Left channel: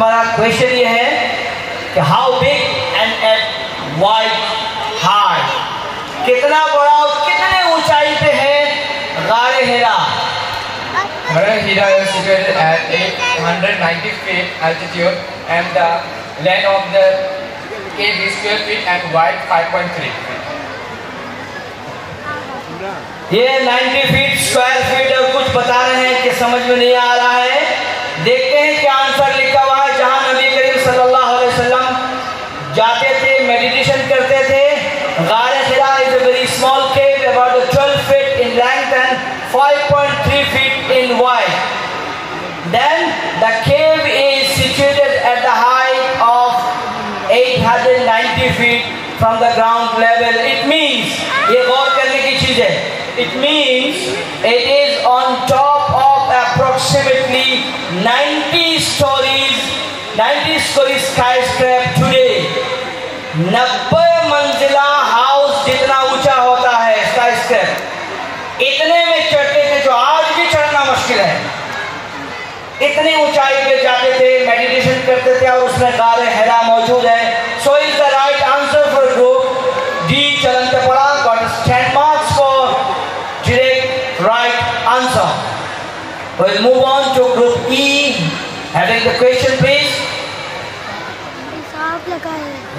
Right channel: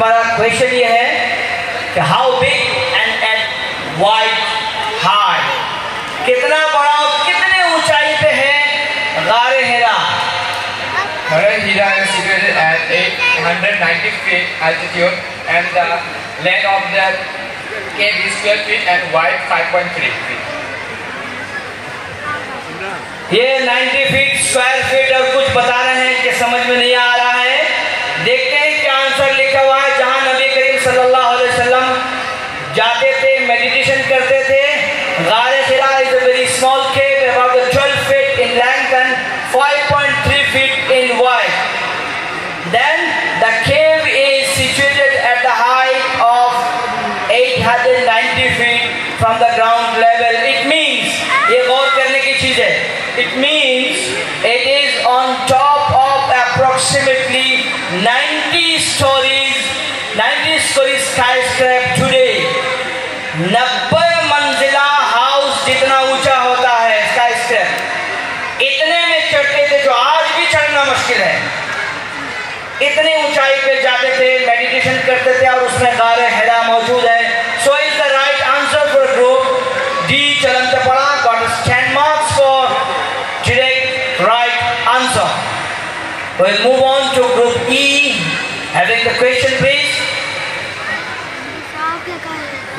तुम्हारा क्वेश्चन ये है कि how big and wide high, कितना बड़ा और कितने ऊंचाई पे है गारे हिरा? गारे हिरा is situated at 890 feet altitude and the length of the cave is 12 feet and wide 5.3 feet. ये 90 फीट स्क्वायर फीट और कुछ बता रहे हैं कि समझ में नहीं आ रहा है। देखते हैं क्या आंसर लिखा हुआ है। जहां नबी करीम सल्लल्लाहु अलैहि वसल्लम जाते थे, मेडिटेशन करते थे, गारे Hira is a very small cave about 12 feet in length and 5.3 feet in wide. Then the cave is situated at the height of 890 feet from the ground level. It means, ये गौर करने की चीज है, it means it is on top of approximately 90 story skyscraper today. 90 मंजिला house जितना ऊंचा होता है skyscraper, इतने में चढ़ते थे जो आज भी चढ़ना मुश्किल है। इतनी ऊंचाई पे जाते थे, मेडिटेशन करते थे और उसमें गारे हिरा मौजूद है। So is the right answer for group D चलन पड़ा, got 10 marks for direct right answer. We'll move on to group E. Having the question please.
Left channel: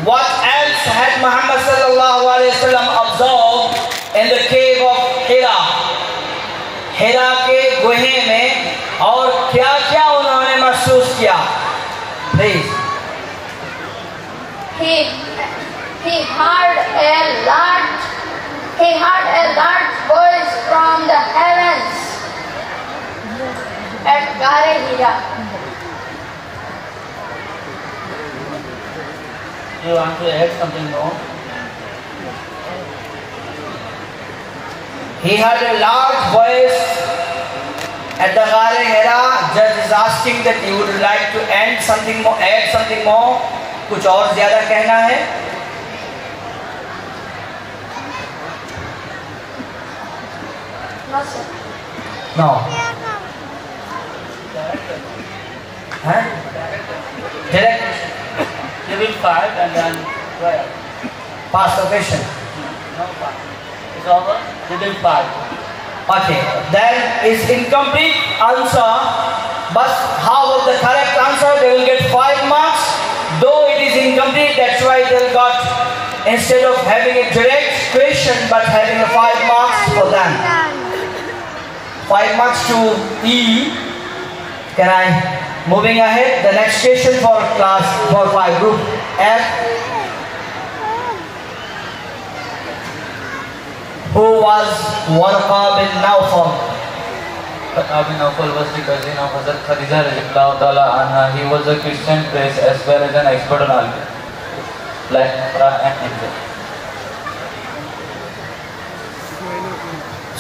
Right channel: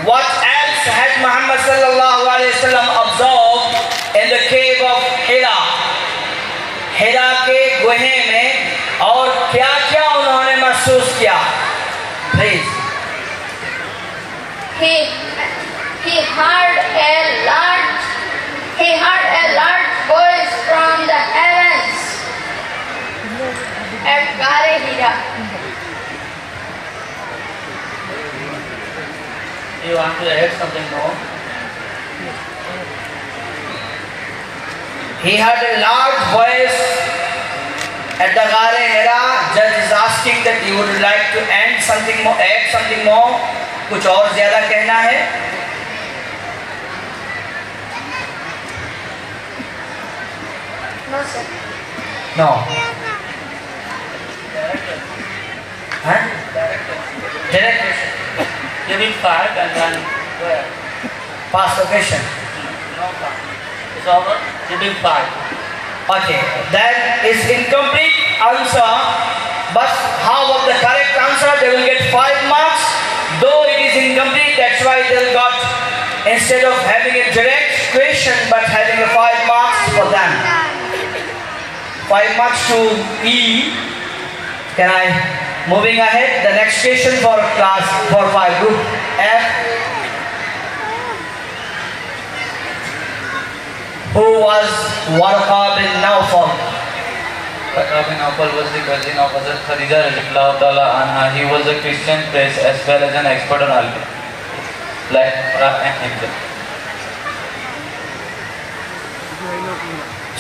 What else had Muhammad sallallahu alaihi wasallam observed in the cave of Hira? हिरा के गुहे में और क्या क्या उन्होंने महसूस किया? Please. He heard a large voice from the heavens at Gare Hira. You want to add something more? He heard a large voice at the Gare Hira. Judge is asking that you would like to add something more. कुछ और ज्यादा कहना है? No, sir. No. Huh? Direct. You did 5 and then where? Past occasion. No, it's over. You did 5. Okay, then is incomplete answer, but how about the correct answer? They will get 5 marks. Though it is incomplete, that's why they got, instead of having a direct question, but having a 5 marks for them. 5 marks to E. Can I, moving ahead, the next question for class 4-5 group F. Who was Warqa bin Nawfal? Warqa bin Nawfal was the cousin of Hazrat Khadija radhiyallahu ta'ala anha. He was a Christian priest as well as an expert on algebra, like Quran and Hijab.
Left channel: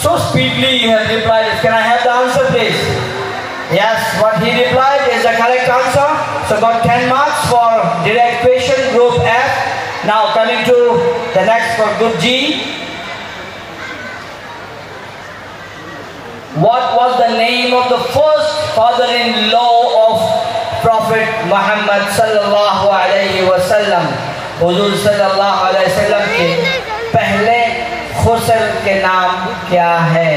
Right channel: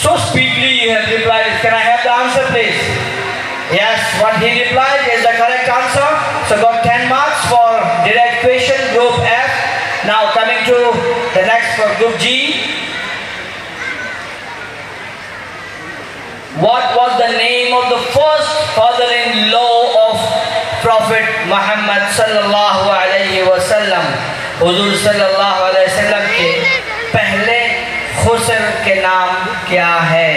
So speedily you have replied. Can I have the answer please? Yes, what he replied is the correct answer. So got 10 marks for direct question, group F. Now coming to the next for group G. What was the name of the first father-in-law of Prophet Muhammad sallallahu alaihi wasallam? Hazur sallallahu alaihi wasallam के पहले खुसर के नाम क्या है?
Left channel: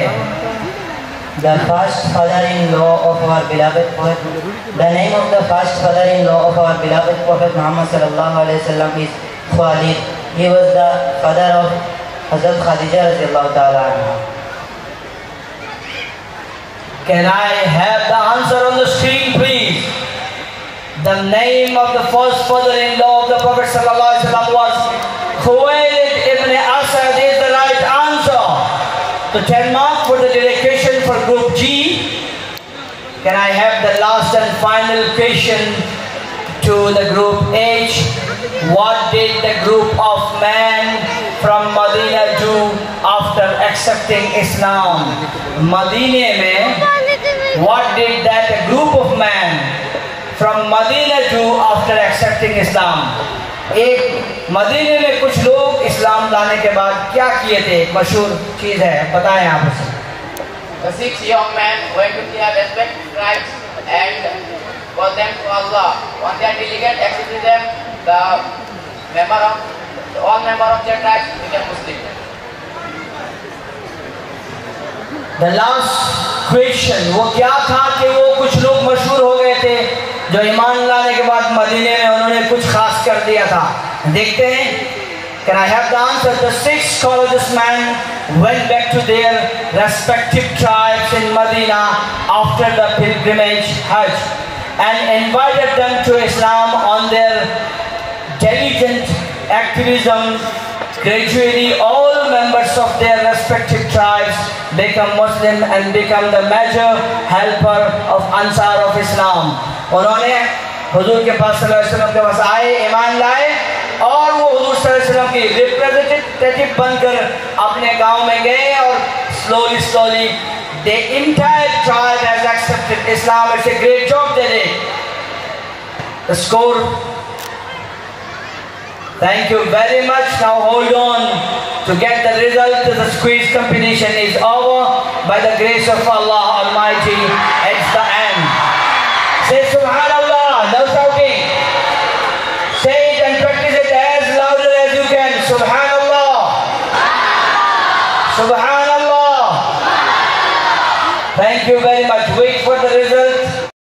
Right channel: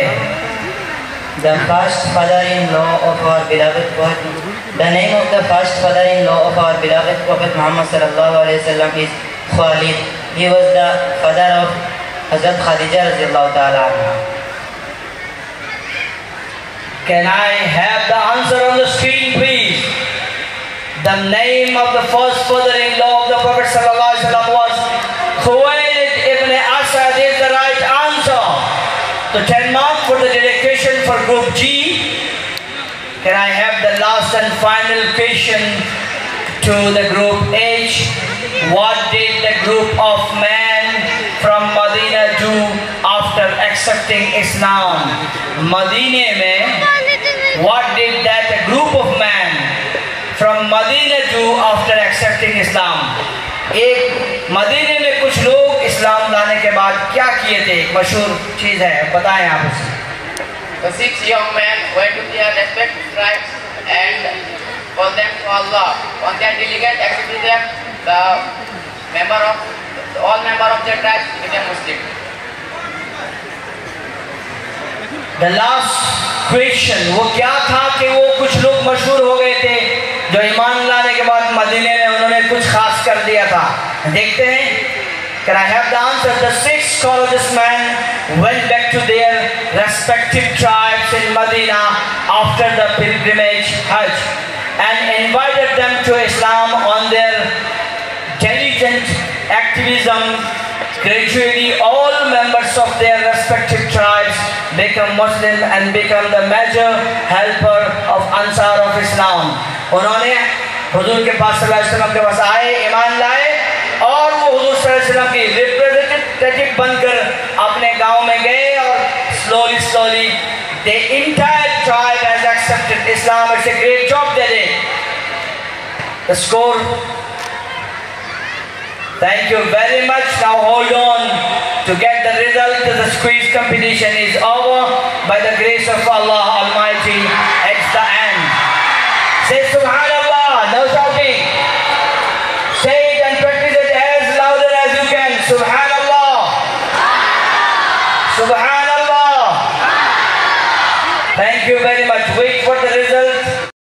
The first father-in-law of our beloved Prophet. The name of the first father-in-law of our beloved Prophet Muhammad sallallahu alaihi wasallam is Khalid. He was the father of Hazrat Khadija radhiyallahu ta'ala anha. Can I have the answer on the screen, please? The name of the first father-in-law of the Prophet sallallahu alaihi wasallam was Quize ibn Asad. Is the right answer. So 10 marks for the direct question for group G. Can I have the last and final question to the group H? What did the group of men from Medina do after accepting Islam? Medina में what did that group of men from Medina do after accepting Islam? एक मदीने में कुछ लोग इस्लाम लाने के बाद क्या किए थे? एक मशहूर चीज है, बताएं आप उसे। The 6 young men went to their respective tribes and call them to Allah. On their delegate, accepted them, all member of their tribe became Muslim. The last question वो क्या था कि वो कुछ लोग मशहूर हो गए थे जो ईमान लाने के बाद मदीने में उन्होंने कुछ खास कर दिया था. देखते हैं. Can I have the answer? The 6 scholars men went back to their respective tribes in Medina after the pilgrimage Hajj and invited them to Islam on their diligent activism. Gradually, all members of their respective tribes become Muslim and become the major helper of Ansar of Islam. उन्होंने हुजूर के पास सल्लल्लाहु अलैहि वसल्लम के पास आए, ईमान लाए और वो हुजूर सल्लल्लाहु अलैहि वसल्लम की रिप्रेजेंटेटिव बनकर अपने गांव में गए और slowly the entire tribe has accepted Islam. It's a great job they did. The score. Thank you very much. Now hold on to get the result. The quiz competition is over by the grace of Allah Almighty. It's the end. Say Subhanallah. No shouting. Say it and practice it as louder as you can. Subhanallah. Subhanallah.